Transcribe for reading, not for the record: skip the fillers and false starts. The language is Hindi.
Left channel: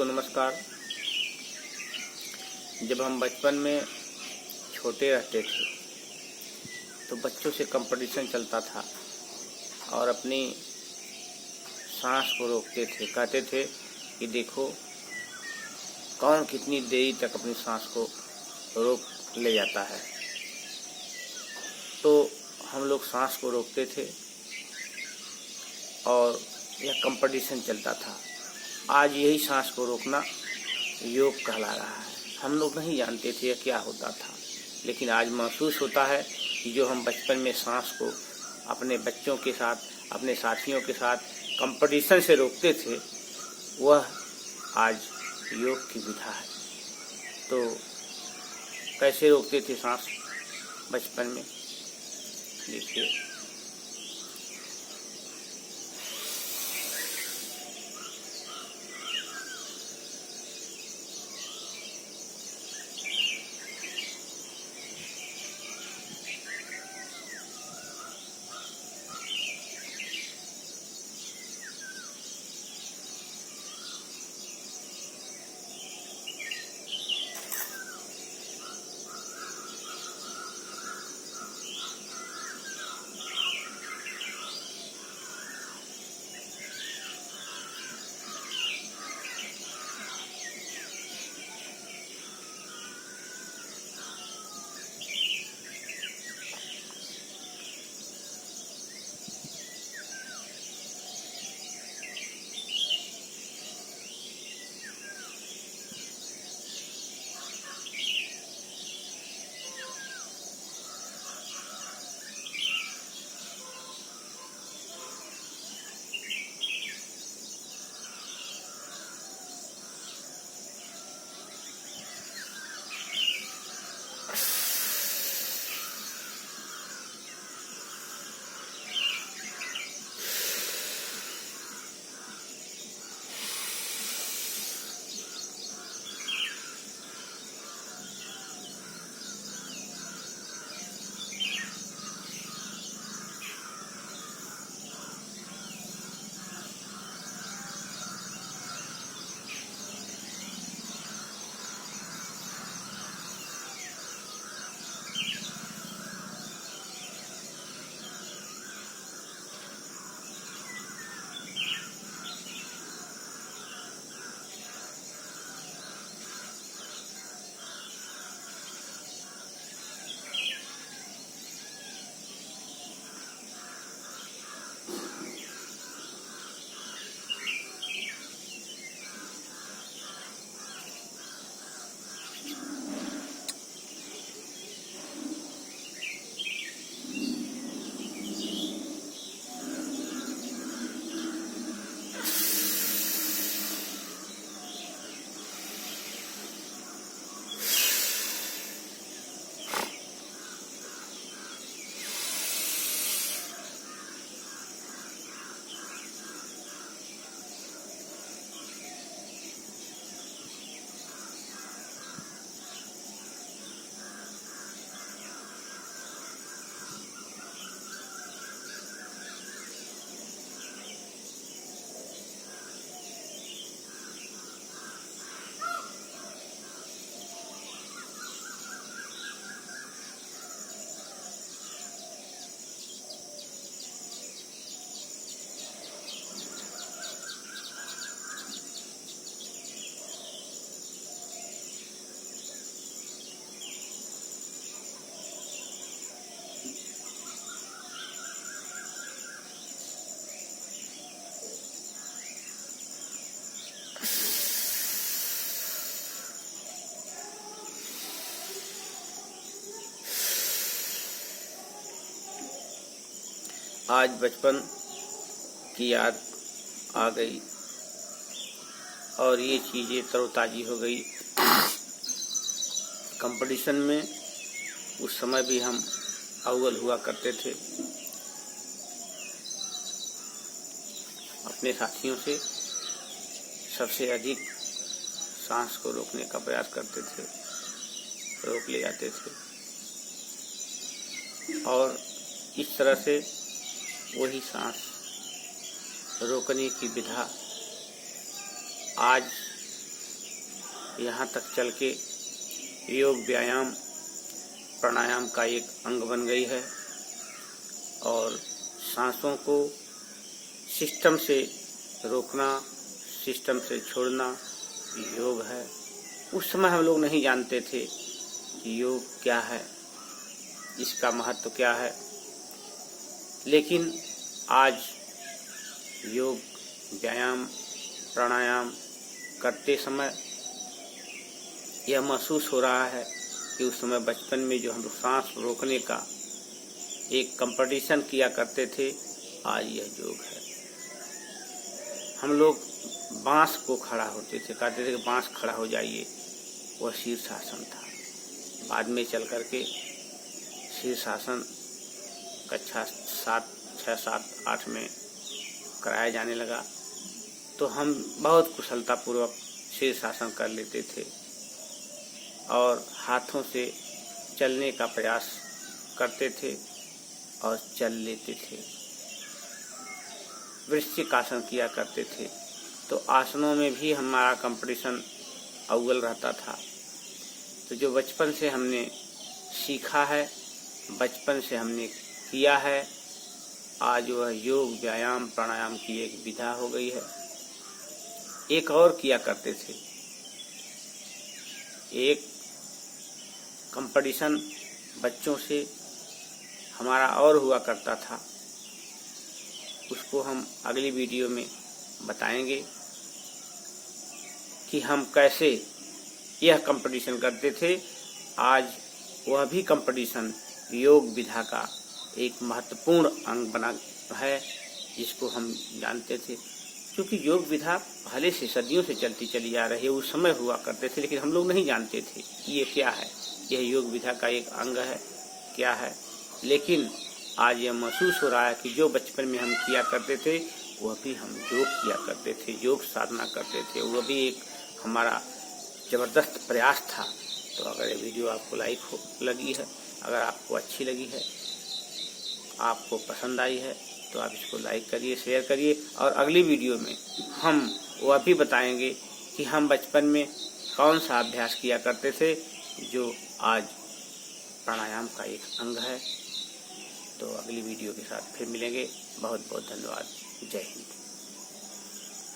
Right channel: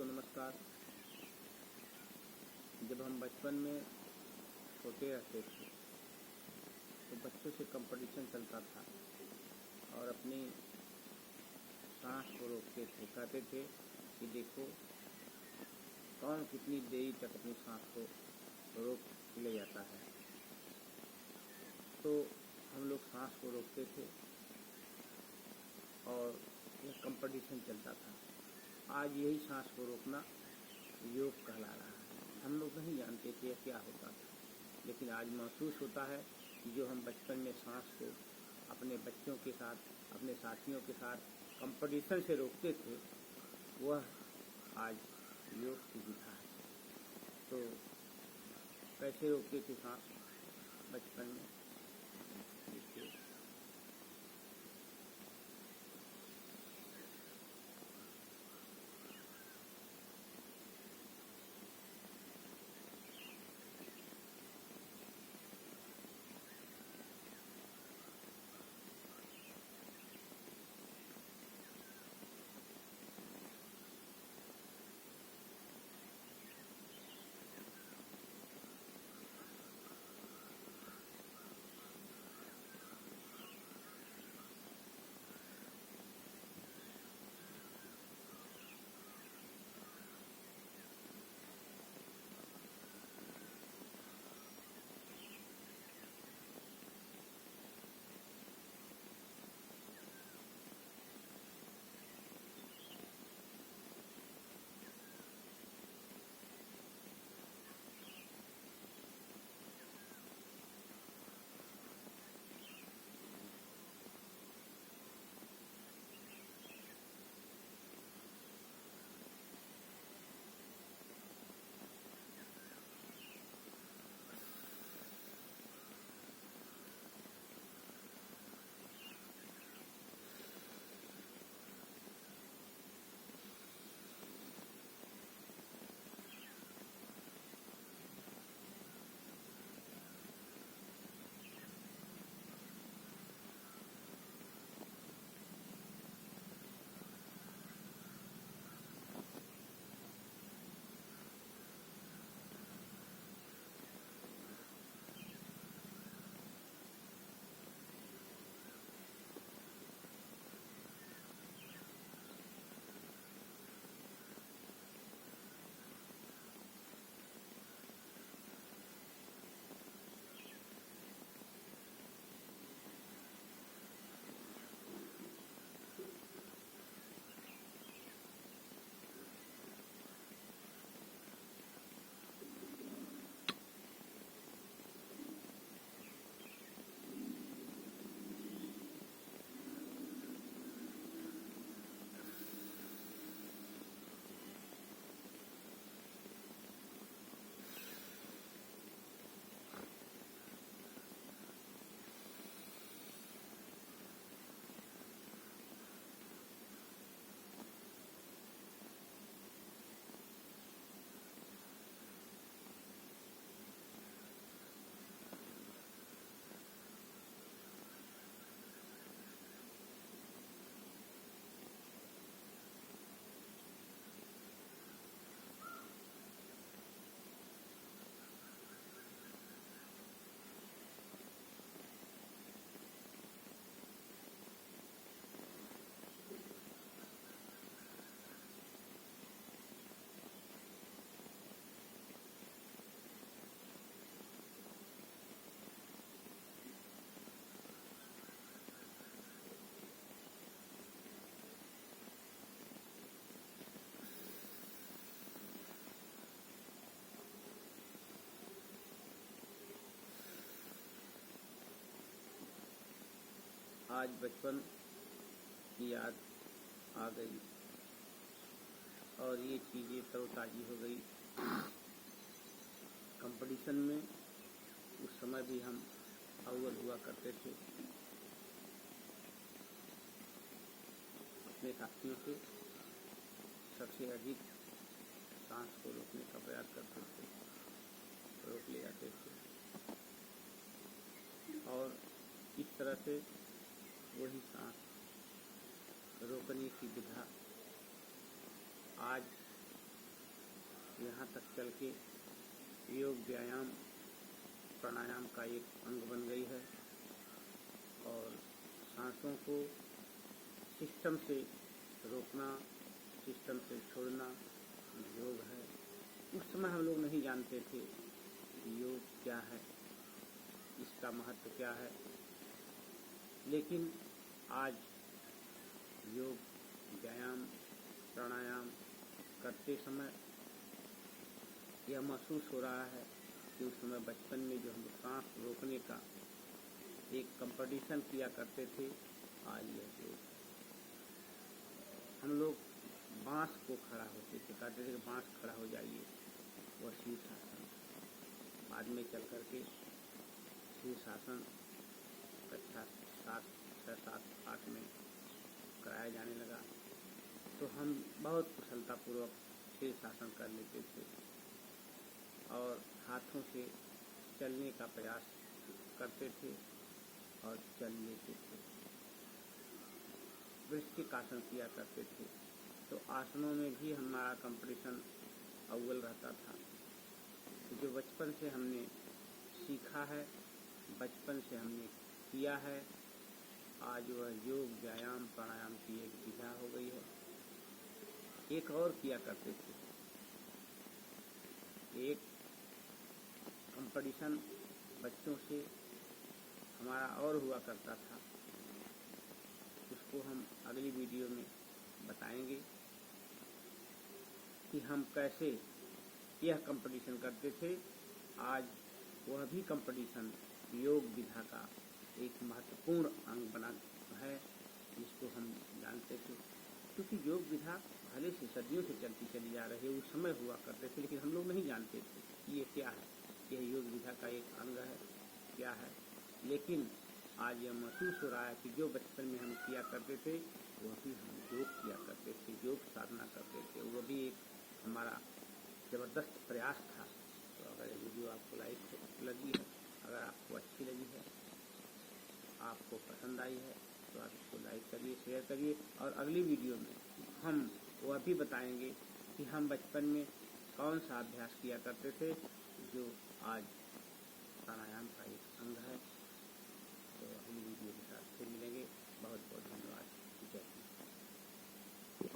दोस्तों नमस्कार। जब हम बचपन में छोटे रहते थे तो बच्चों से कंपटीशन चलता था और अपनी सांस को रोकते थे। कहते थे कि देखो कौन कितनी देरी तक अपनी सांस को रोक ले जाता है। तो हम लोग सांस को रोकते थे और यह कंपटीशन चलता था। आज यही सांस को रोकना योग कहला रहा है। हम लोग नहीं जानते थे यह क्या होता था, लेकिन आज महसूस होता है कि जो हम बचपन में सांस को अपने बच्चों के साथ, अपने साथियों के साथ कंपटीशन से रोकते थे, वह आज योग की विधा है। तो कैसे रोकते थे सांस बचपन में, देखिए। आज बचपन की याद आ गई और ये चीज़ें तरोताज़ी हो गई। कंपटीशन में उस समय भी हम अव्वल हुआ करते थे, अपने साथियों से सबसे अधिक सांस को रोकने का प्रयास करते थे, रोक ले जाते थे और इस तरह से वही सांस रोकने की विधा आज यहाँ तक चल के योग व्यायाम प्राणायाम का एक अंग बन गई है और सांसों को सिस्टम से रोकना, सिस्टम से छोड़ना योग है। उस समय हम लोग नहीं जानते थे कि योग क्या है, इसका महत्व क्या है, लेकिन आज योग व्यायाम प्राणायाम करते समय यह महसूस हो रहा है कि उस समय बचपन में जो हम लोग सांस रोकने का एक कंपटीशन किया करते थे, आज यह योग है। हम लोग बांस को खड़ा होते थे, कहते थे कि बांस खड़ा हो जाइए, वह शीर्षासन था। बाद में चल करके शीर्षासन कक्षा 6, 7, 8 में कराया जाने लगा, तो हम बहुत कुशलतापूर्वक शीर्षासन कर लेते थे और हाथों से चलने का प्रयास करते थे और चल लेते थे। वृश्चिकासन किया करते थे, तो आसनों में भी हमारा कंपटीशन अव्वल रहता था। तो जो बचपन से हमने सीखा है, बचपन से हमने किया है, आज वह योग व्यायाम प्राणायाम की एक विधा हो गई है। एक और किया करते थे, एक कंपटीशन बच्चों से हमारा और हुआ करता था, उसको हम अगली वीडियो में बताएंगे कि हम कैसे यह कंपटीशन करते थे। आज वह भी कंपटीशन योग विधा का एक महत्वपूर्ण अंग बना है, जिसको हम जानते थे। क्योंकि योग विधा पहले से सदियों से चलती चली आ रही है, उस समय हुआ करते थे, लेकिन हम लोग नहीं जानते थे कि ये क्या है, यह योग विधा का एक अंग है, क्या है। लेकिन आज यह महसूस हो रहा है कि जो बचपन में हम किया करते थे, वह भी हम योग किया करते थे, योग साधना करते थे, वह भी एक हमारा ज़बरदस्त प्रयास था। तो अगर ये वीडियो आपको लगी है, अगर आपको अच्छी लगी है, आपको पसंद आई है, तो आप इसको लाइक करिए, शेयर करिए। और अगली वीडियो में हम वह भी बताएंगे कि हम बचपन में कौन सा अभ्यास किया करते थे, जो आज प्राणायाम का एक अंग है। तो अगली वीडियो के साथ फिर मिलेंगे। बहुत बहुत धन्यवाद। जय हिंद।